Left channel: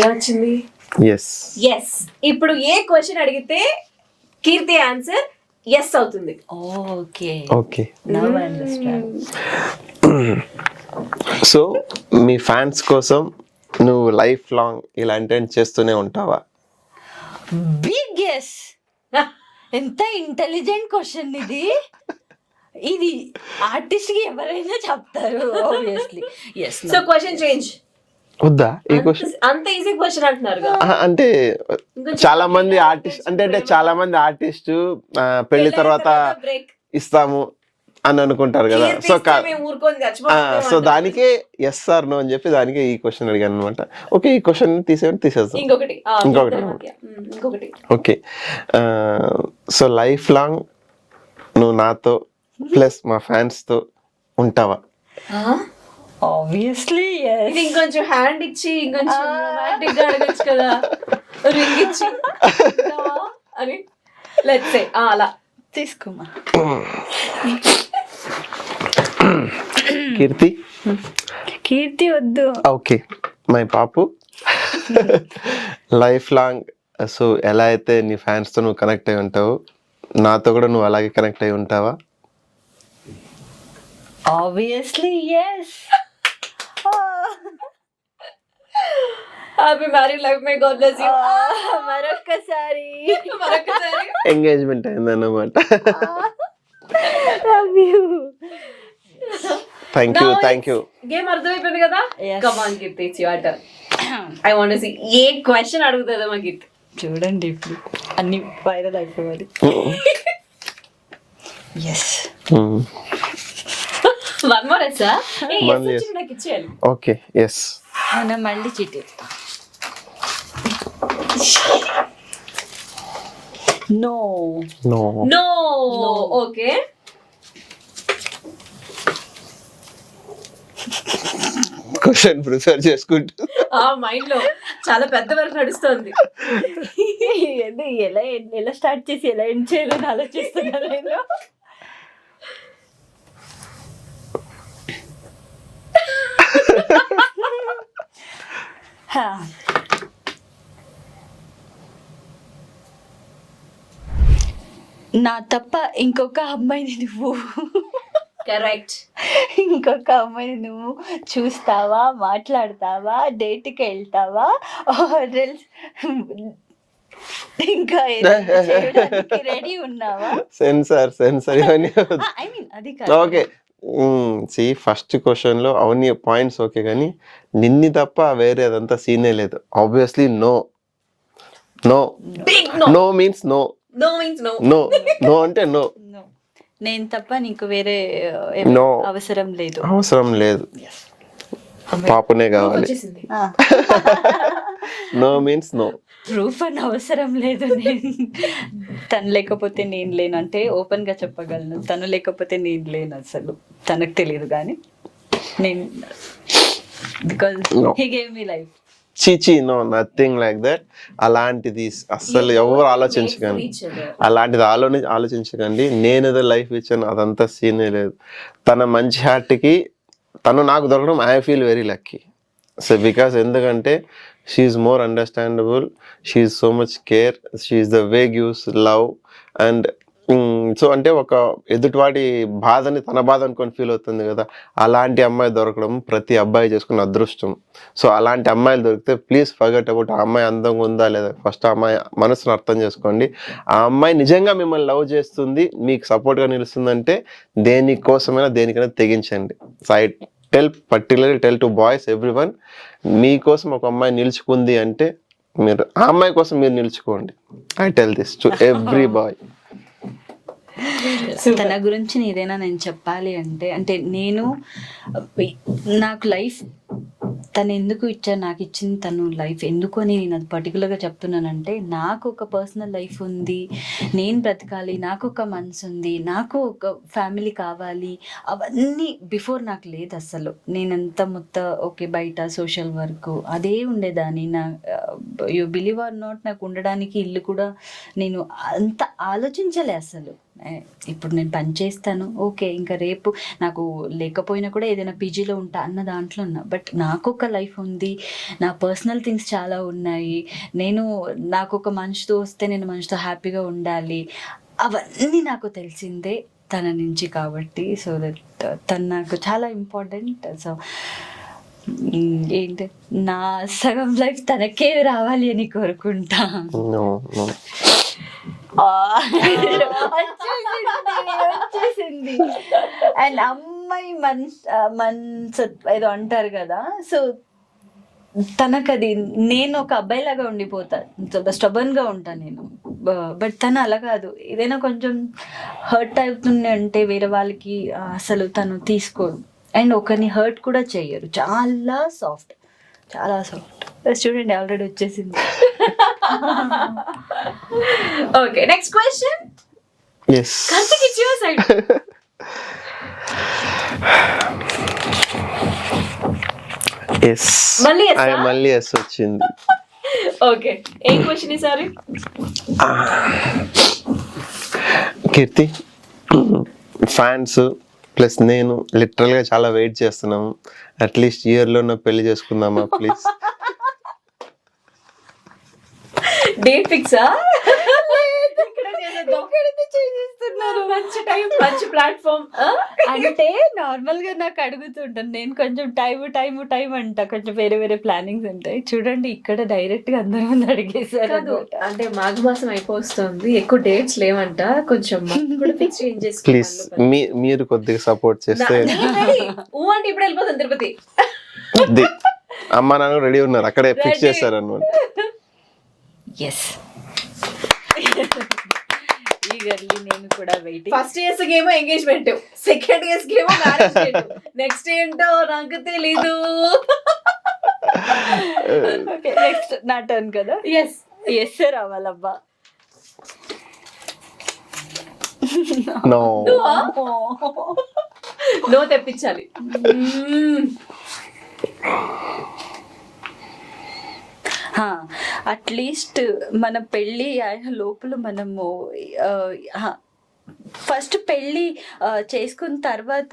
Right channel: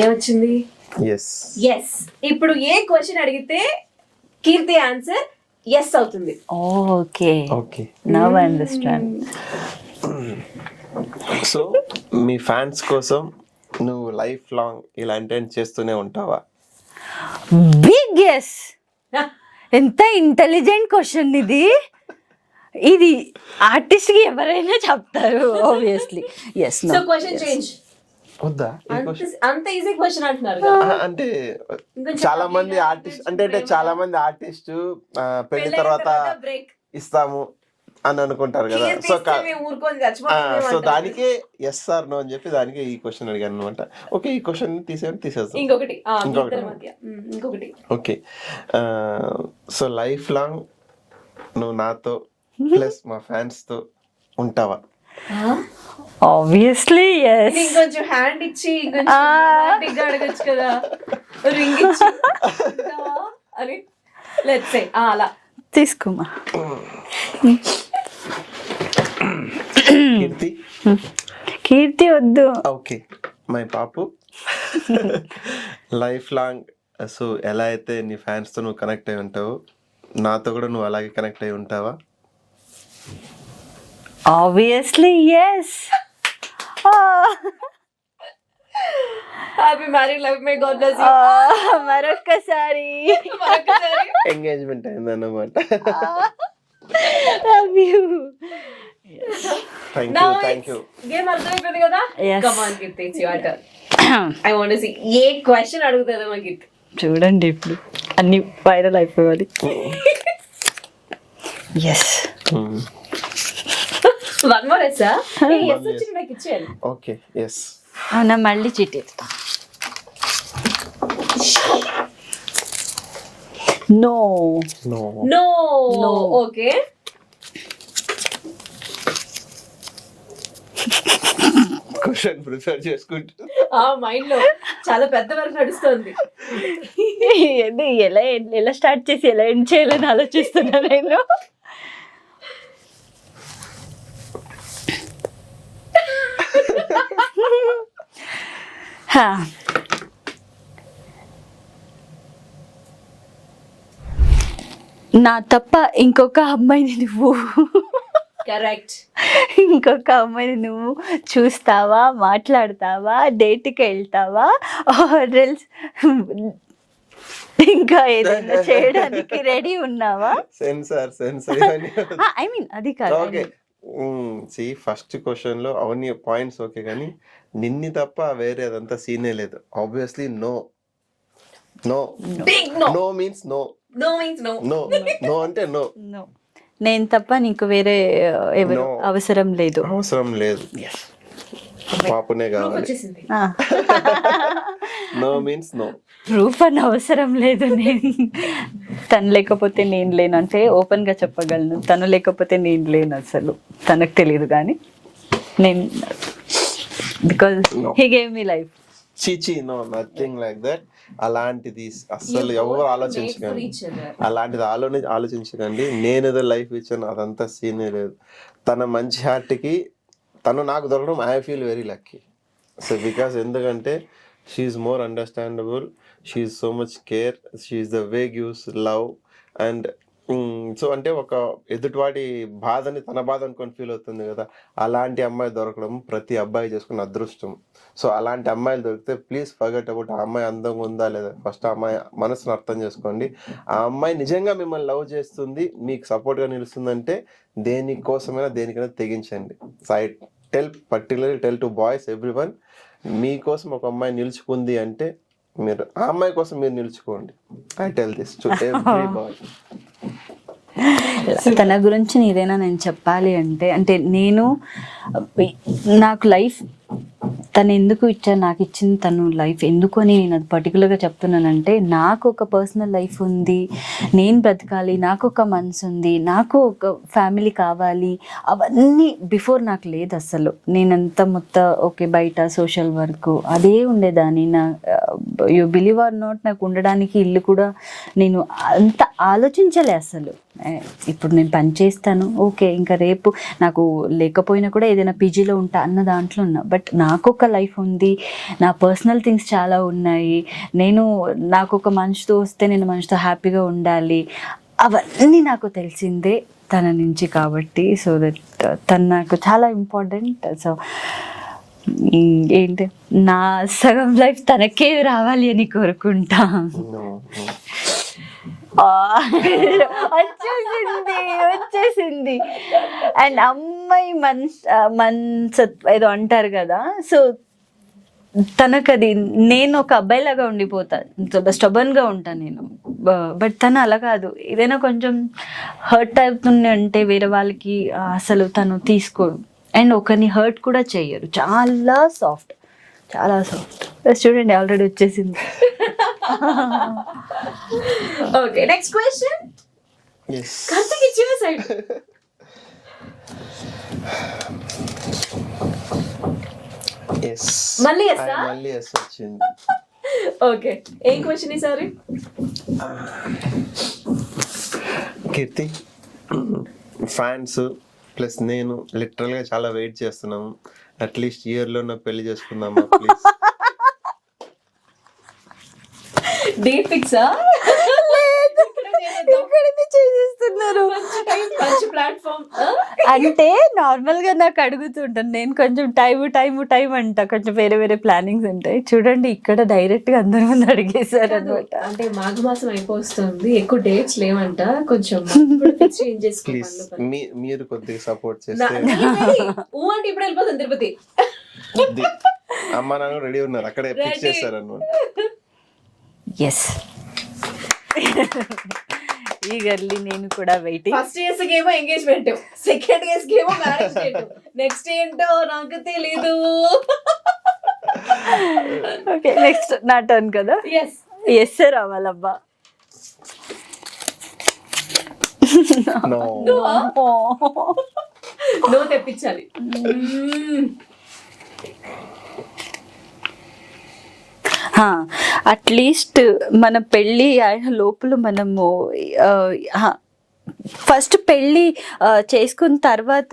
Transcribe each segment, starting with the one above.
ఏమొచ్చింది? Yes. Yes. ఇప్పుడు ఏ క్వశ్చన్ అడిగితే కీర్తి ఆన్సర్ ఎస్ అవుతుంది. Okay okay. Now I understand. So మీ ఫ్యాన్స్ కోసం నువ్వు లైఫ్ లాంగ్ ఇలాంటివి చేస్తూనే ఉంటావా? Big yes. ఎంత ఇంటెలిజెంట్ క్వశ్చన్ ఇది. ఇది ఆర్టిస్ట్ కి ఎవరైనా చెప్తారు obviously. Yes. So question change. వద్దా ఈ క్వశ్చన్? అంత ఈజీ క్వశ్చన్ అంటున్నారు కదా. అంటే చాలా మంది ఆర్టిస్ట్ అంటే చాలా మంది ఆర్టిస్ట్ పెళ్లి తర్వాత బ్రేక్ ఇస్తాము అని అనుకుంటారు కదా. సో సో దానికే ఎస్ ఆర్ నో అని చెప్పి దానికి ఈ క్వశ్చన్ అడిగాను అనమాట. ఓకే, ఈ క్వశ్చన్ తీసేస్తాం. ఇంకొకటి. ఓకే, సో లైఫ్ లాంగ్ నువ్వు నాతో ప్లస్ మా ఫ్యాన్స్ తో ఉంటావా? Obviously yes. ఇంకొంచెం హ్యాండ్ ఇచ్చి ఇంకొంచెం అడగచ్చు కదా, రింగ్ ఇచ్చి అని లెట్స్ సే అలా తీసుకోమా. కీర్తి వద్దు. ఓకే, మై పాపు లైఫ్ లాంగ్. సో ఎలా అయితే నీ ఫ్యాన్స్ తో నువ్వు కనెక్ట్ అయి ఉంటావు, నాతో కూడా నువ్వు అలాగే కనెక్ట్ అయి ఉంటావా? Obviously yes. Happy married life, may god bless you. మరొక్కసారి ఎంగేజ్మెంట్ అయిందన్నమాట. Love you. Thank you. Game అర్థమైపోయింది కదా. Yes. Come on Keerthi, it's your turn. I want to see a question అడుగుతుందో మా కీర్తి. చూడండి ఇప్పుడు అన్ని వైరల్ అయిపోవాలి. Yes. One more yes. Yes వచ్చి నాకు ఇచ్చేయాలి. Okay, yes. అవునా, మళ్ళీ చీటీ. No no no. Okay, question prepare చేసుకుంటూ ఆ మైండ్ లో చాలా పెద్ద వరకు నడుస్తుంది. ఎలా స్టార్ట్ చేసి ఎలా ఎండ్ చేయాలని ఆలోచిస్తున్నా నేను. నా తప్ప ఇంకొక అమ్మాయిని నువ్వు కరెక్ట్. ఇంకొక అమ్మాయిని నువ్వు చూస్తావా, మాట్లాడతావా, డేట్కి వెళ్తావా, ఇంకా ఏదైనా చేయడానికి రెడీ ఉన్నావా? సెన్సార్ ఐ మీన్ అది కాదు. ఓకే, సి ఫస్ట్ క్వశ్చన్ లో అవన్నీ పాయింట్స్ ఓకే, కానీ నిన్ని తప్ప వేరే అదంతా సీనే లేదు. Obviously no. No big no. No means no. No means no. No no అంటే నో. నేను తప్ప నీకు వేరే No. అవసరం లేదు. అవసరం లేదు, పాపనే కావాలి. వచ్చేసింది. No means no. ప్రూఫ్ అని అవసరం లేదు. తను లేకపోతే నేను లేను అంటే ఓపెన్ గా చెప్పగలను. తను లేకపోతే నేను లేను, అసలు తనకు తెలియదు. కానీ నేను because he gave me life. చీచి, నో, నథింగ్ లైక్ దట్. అలాంటిది అస్సలు ఎవరు ఆలోచించకండి. అలాంటిది ఆలోచించకండి. నేను ఏదో లైఫ్ ఇచ్చాను అదంతా సీనే లేదు. తన మంచి హార్ట్కి తను నాకు దొరకడం I feel very lucky. So because ఎందుకంటే she is more understandable, she is so much care, she is the way gives love. And so అంటే ఒక ఎదుటివాడి బాధని తన బాధ అనుకొని ఫీల్ అవుతుంది కదా, అలాంటి అమ్మాయి దొరకడం ప్రతి అబ్బాయి చేసుకున్న అదృష్టం. సో అలాంటి అమ్మాయిలు దొరికితే ప్లీజ్ ఫర్గెట్ అబౌట్ ఆ అమ్మాయి అందంగా ఉందా లేదా. ఫస్ట్ ఆ అమ్మాయి మనసును అర్థం చేసుకోండి. ఆ అమ్మాయి నిజంగా మిమ్మల్ని లవ్ చేస్తుంది, మీకు సపోర్ట్గా నిలుస్తుందంటే దేనికోసమైనా దేనికైనా తెగించండి. So I particularly tell to boys everyone, మీకోసం ఒక అమ్మాయి నిలుచుకుంది అంటే మీరు ఆ అమ్మాయి కోసం మీరు నిలుచుకోండి. I tell this to every boy. తన గురించి ఏదైనా నేను చెప్పాలి అంటే నేను నాకు లైఫ్ తను ఎందుకు ఇచ్చాను, నాకు ఇచ్చింది తను లైఫ్ ఎందుకు అని నేను అది పర్టికులర్గా చెప్తున్నానంటే, నాకు ఒక పర్సనల్ లైఫ్ ఉంది, నేను బ్రతకాలి, నాకు ఒక మనసు ఉంది, నాకు ఒక ఫ్యామిలీ కావాలి, అవన్నీ బిఫోర్ నాకు లేదు అసలు. నేనంతా మొత్తం ఓకే బయట సోషల్ వర్క్ అదే ఉండేదాన్ని. నా యూ బిలీవ్ ఆర్ నాట్, నాకు ఉండడానికి ఇల్లు కూడా నేను అంత ఆలోచించలే అసలు. ఇప్పుడు నేను పని చేస్తాను, ఓకే, ఇంకా రేపు నాకు లేకపోయినా కూడా ఏదైనా పీజీలో ఉంటా అన్న దాంట్లో ఉన్నా. బట్ నాకు ఒక లైఫ్ ఉంది, నా పర్సనల్ థింగ్స్ చాలా ఉన్నాయి, నాకు ఒక మనిషితో వస్తే నేను మనిషితో హ్యాపీగా ఉండాలి, అవన్నీ నాకు తెలిసిందే తన నుంచి. కాబట్టి సో దట్ తను నాకు చాలా ఇంపార్టెంట్. సో ఏంటి, నా సగం లైఫ్ తనకే రావాలి అని కోరుకుంటా. No, no. వచ్చేసింది. అండ్ అమ్మాయి ఏదో అంటారు కదా, సో తనకది, నేను ఒక అబ్బాయిలాగా ఉండిపోతాను, స్టబర్న్గా ఉంటాను నేను. బట్ తను అలా కాదు, ఏదైనా కొంచెం హర్ట్ అవుతుంది అంటే వేరే వాళ్ళకి అసలు తను తీసుకోడు, అండ్ ఒకరిని హర్ట్ కూడా చెయ్యరు, చాలా సాఫ్ట్, చాలా సాఫ్ట్. చూడండి ఆల్రెడీ వచ్చేసింది. Okay, next question. Yes. Karthik, it's your side. Yes. మళ్ళీ yes ఆ? మళ్ళీ ఎస్ వచ్చింది. ఓకే, ఏం క్వశ్చన్ ఈసారి? కీర్తి, ఫ్యాన్స్ ప్లస్ నేను లిటరల్ గా చాలా వెయిట్ చేస్తున్నాము. అట్లీస్ట్ ఇయర్ లో పెళ్లి చేసుకుందామా ప్లీజ్? డేట్ ఫిక్సా? చేసేస్తున్నారు. మంచి ప్లాట్ఫామ్. అంటే నార్మల్ గా నాకు అడుగుతుంటాను, నేను కొంచెం టైం అంట, కొంచెం వేరే వేరే ప్లానింగ్స్ ఉంటాయి. చూడండి ఇక్కడ డైరెక్ట్ గా అందరి ముందు అడిగేశారు అన్నమాట. అంటే మాఘమాసం అయిపోతుంది, ఎక్కువ డేట్స్ లేవంట, కొంచెం ఫిక్స్ ప్లీజ్ మీరు కొద్దిగా సపోర్ట్ చేస్తే. అంటే ఇప్పుడు వెళ్ళిపోతుంది తిరుపతి. అమ్మ నాన్న రెడీ ఉన్నారు, అక్కడే ఫిక్స్ చేస్తారు అన్నమాట. ఎస్, ఈగర్లీ నేను కూడా వెయిటింగ్. ఫస్ట్ ఇయర్స్ ఏమో ఎంగేజ్మెంట్, సెకండ్ ఇయర్స్ ఏమో మ్యారేజ్ డేట్, నెక్స్ట్ ఏంటో నాకు తెలీదు. ఓకే, నెక్స్ట్ నా టర్న్ కదా. ఎస్ ఎస్ రావాలబ్బా. నో తెప్పించాలి. అట్లీస్ట్ మన పెళ్ళి లోపల మనము ఫస్ట్ పెళ్ళి చేసుకున్న తర్వాత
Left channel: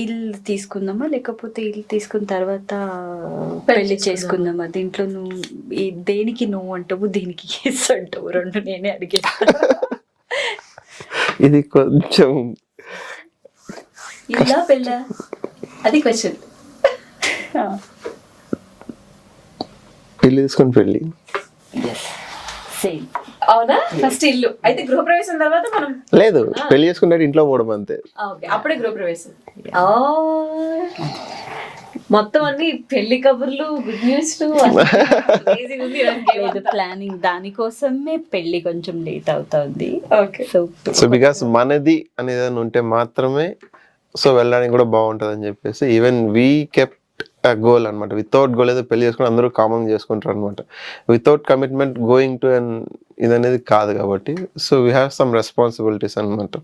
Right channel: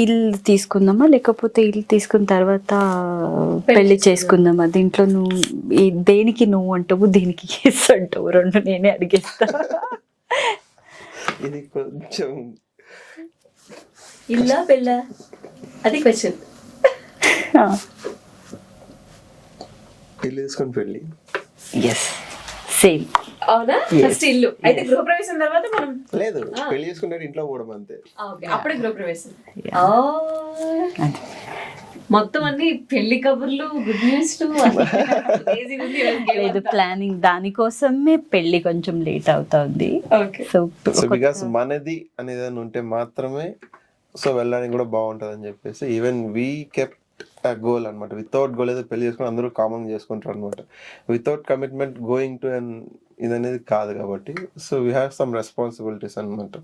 ఇల్లు తీసుకుందామా, లేకపోతే ఇల్లు తీసుకున్న తర్వాత పెళ్లి చేసుకుందామా? దీంట్లో నువ్వు దేనికి నువ్వు అంటావు, దేనికి ఎస్ అంటావు? రెండు నేనే అడిగేస్తా. ఇది కొంచెం ఇల్లా పెళ్ళా అది క్వశ్చన్. ఇల్లు తీసుకొని పెళ్ళి. Yes, same. అవునా? ఫస్ట్ ఇల్లు అయితే గృహప్రవేశం తర్వాత మనం లేదు, పెళ్లి చేసుకుంటే ఇంట్లో పోవడం అంతే. అప్పుడే గృహప్రవేశం. మొత్తం అన్ని పెళ్లి కబుర్లు, గుడ్ న్యూస్. లేదు, ప్లానింగ్ దానికోసమే పెళ్లి కొంచెం లేట్ అవుతుంది. ఓకే, సో బికాస్ మనది అనేది ఉంటే మాత్రమే సో వెళ్ళడానికి కూడా బాగుంటుంది అని చెప్పేసి ఈవెన్ వీ కెప్ట్ గోల్ అనమాట. వితౌట్ గోల్ ఏదో పెళ్లి చేసుకుని అందరూ కామన్ చేసుకుంటారు అనమాట. Without commitment going to and ఇది అనేది కాదు కాబట్టి so we have some responsibilities అనమాట.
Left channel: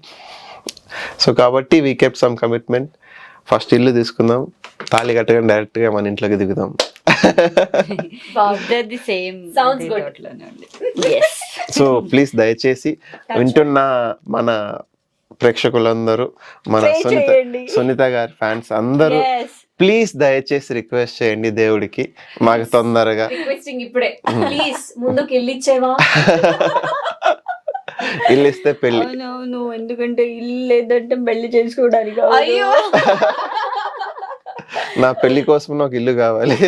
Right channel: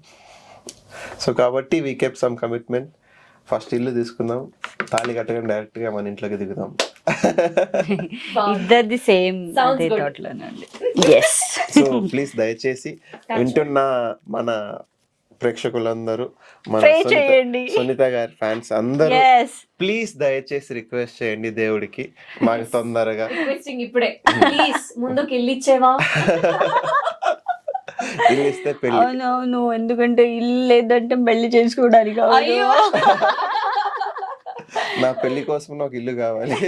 సో కాబట్టి we kept some commitment. First ఇల్లు తీసుకుందాం, తాళి కట్టగానే డైరెక్ట్ గా మన ఇంట్లోకి దిగుదాం. ఇద్దరిది సేమ్. సో ప్లీజ్ దయచేసి వింటున్న మన ప్రేక్షకులందరూ, మన సునీత గారి ఫ్యాన్స్ అందరూ ప్లీజ్ దయచేసి రిక్వెస్ట్ చేయండి దేవుడికి మాకు తొందరగా. రిక్వెస్టింగ్ ఇప్పుడే ప్లీజ్, ముందుకు ఇల్లు ఇచ్చేవా? ఇల్లు ఇస్తే పెళ్లి. అవును, ఎందుకంటే ఇల్లు లేదంటే పెళ్లి చేసుకోవడానికి. అయ్యో, నా పెళ్లి కోసం నాకు ఇల్లు కావాలి.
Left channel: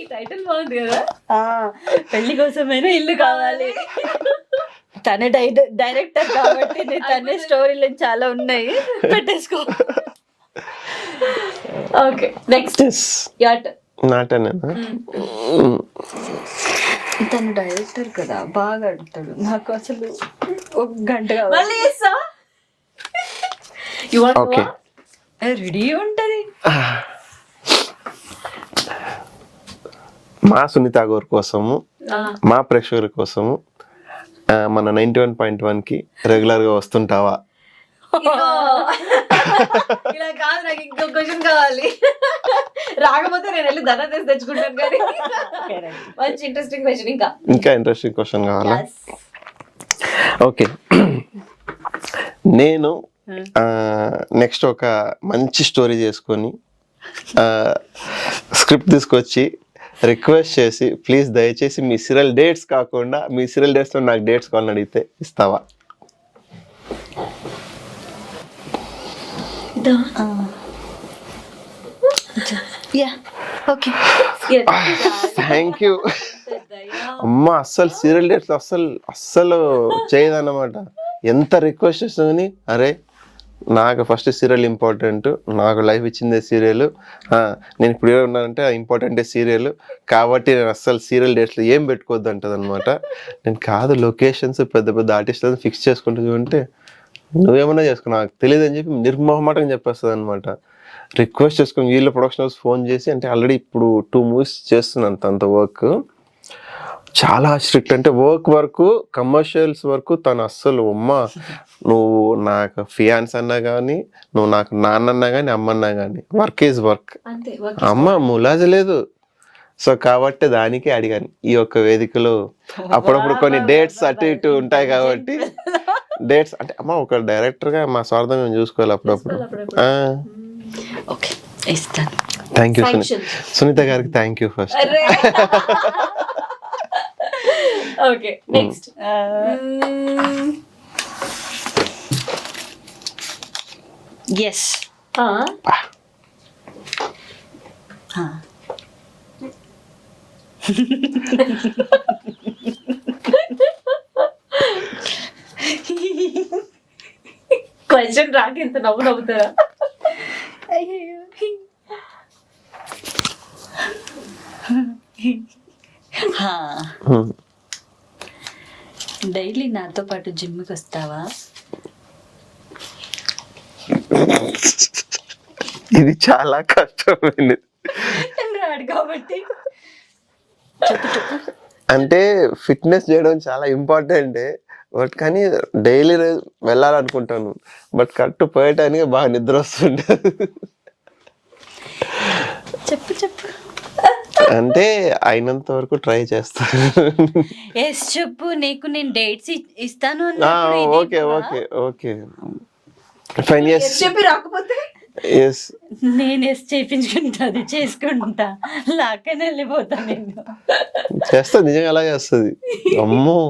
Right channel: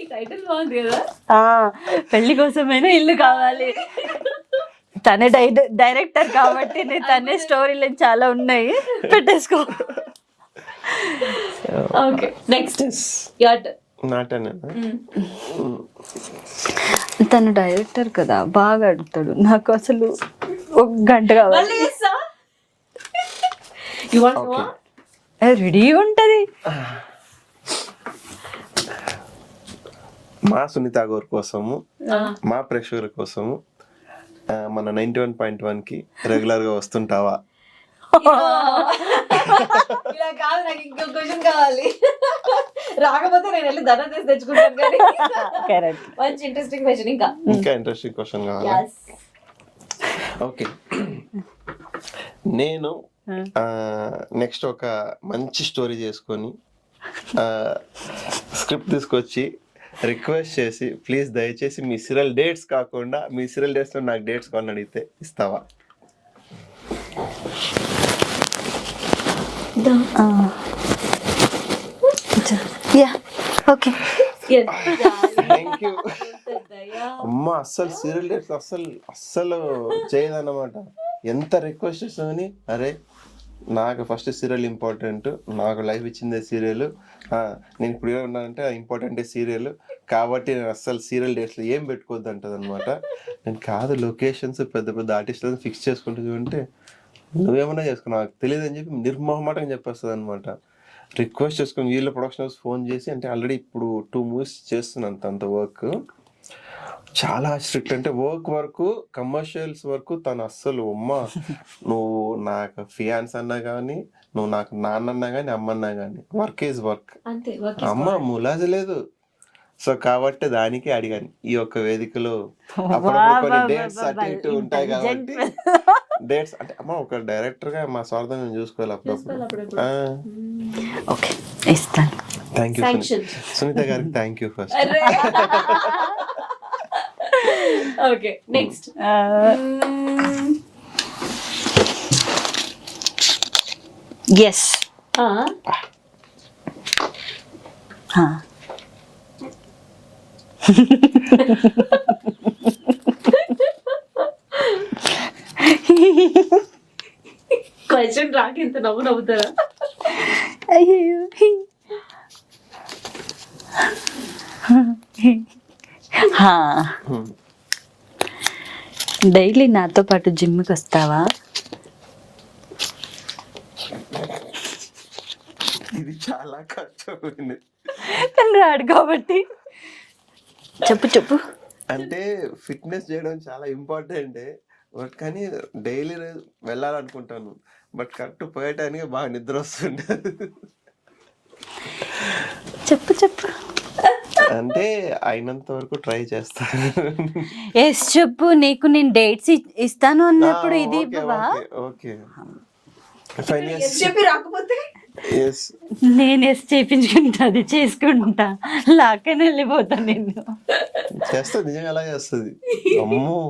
ఈ టైటిల్ బాగుంది కదా, పెళ్లి కోసమైనా ఇల్లు కావాలి. తనే డైరెక్టర్ కాబట్టి తనే స్టోరీలు చాలా ఉన్నాయి, పెట్టేసుకో. Okay, next నాటనేనా? తను డైరెక్టర్ కదా, బాగా అడుగుతాడు. నాకు అసలు ఒక గంట కావాలి. రెడీ ఉంటది. మా సునీత గారి కోసము, మా ప్రేక్షకుల కోసము మన 91.1 కి రెగ్యులర్ గా వస్తుంటావా? ఇలా కాదు, నాకు ఇంకో క్వశ్చన్ కావాలి. రాకపోతే నేను వెళ్ళి ధనం తీసి తెచ్చుకుంటాను కానీ కరెక్ట్. మంచి ఇంట్రెస్టింగ్ క్వశ్చన్ ఇంకా ఇంకా ఇంట్రెస్టింగ్ క్వశ్చన్ కావాలా? Yes. ఓకే, నేను నెక్స్ట్ ఒక మంచి స్టోరీ చేసుకొని స్క్రిప్ట్ తీసుకొచ్చి రిక్వెస్ట్ చేసి ప్లీజ్ దయచేసి మీ సీరియల్ డేట్స్ కాకుండా మీ సీరియల్ డేట్స్లో నాకు డేట్స్ కావాలని అడిగితే ఇస్తావా? ఓకే. థ్యాంక్ యూ అమ్మ. అస్సలు సీరియల్ డేట్స్ అస్సలు చేయదన్నమాట. ఎంత రిక్వెస్ట్ చేసినా కానీ అరే నాకు ఫస్ట్ సీరియల్ ఇంపార్టెంట్, నాకు లైఫ్ ఇచ్చిందే సీరియల్, నేను ఇప్పుడు ఉన్నానంటే ఇంపార్టెంటే సీరియల్, కాబట్టి నేను అస్సలు సీరియల్ డేట్స్లో ఏం పెట్టుకోవద్దు అంటది అనమాట. నేను కాదు లొకేషన్స్ పెద్ద పెద్ద ఆర్టిస్టులను ఫిక్స్ చేసుకుంటుంది అంటే నువ్వేమన్నా చేసుకో నాకు తెలియదు అని చెప్పి నిర్మోహమాటంగా చెప్పేస్తుంది అనమాట. రిక్వెస్ట్ చేసుకుని వీళ్ళ ప్రొడక్షన్ హౌస్ ఫోన్ చేసి, అంటే ఆల్రెడీ ఇప్పుడు 2 movies చేస్తున్నాను తనతో వర్క్. చాలా స్ట్రిక్ట్, అంటే వరకు కమర్షియల్స్ వరకు తను అస్సలు అమ్మ నువ్వు నాకు ఫియాన్స్ అన్నా కానీ, నువ్వు నాకు నాన్నన్నా కానీ, అమ్మన్నా కానీ వర్క్ ఈజ్ వర్క్, అంతే అమ్మ ములాజ లేదు. సో కాబట్టి దానికే అడిగాను ఈ ఒక్క వేదికలో. అప్పుడప్పుడు కొన్ని డేట్స్ అటు ఇటు ఉంటాయి కాబట్టి డేట్స్ అంటే అమ్మ ఒక డైరెక్టర్ గా మా స్వార్థం మేము చూసుకోవాలి అప్పుడప్పుడు. ఓకే, ఇస్తాను. థ్యాంక్ యూ సునీత గారికి, thank you first. Okay, next yes. Question రాక ఇంత నవ్వుతారా? అయ్యో, డైలీ నాతో పాటు జిమ్కి వస్తావా? ఇది చాలా కష్టమైనది. రాడు కాబట్టి చెప్పు. అంటే ఫిట్నెస్ చేయడం చాలా ఇంపార్టెంట్, బట్ కానీ డైలీ వెళ్ళాలనుకుంటాను, బట్ కరెక్ట్ పోయటానికి బాగా నిద్ర వస్తుంటది. చెప్పు. అంటే అయినంత వరకు ట్రై చేస్తాను. ఎస్ చెప్పు. నీకు నేను డేట్స్ ఇస్తాను అన్నప్పుడు ఇది ఓకే ఓకే ఓకే ఫైన్. చెప్పి రాకపోతే నేను ఎస్ చేయించుకుంటా, చేసుకుంటా, లాక్కని వెళ్ళిపోతా. నేను చేస్తా, నిజంగా అలా చేస్తుంది. అమ్మో.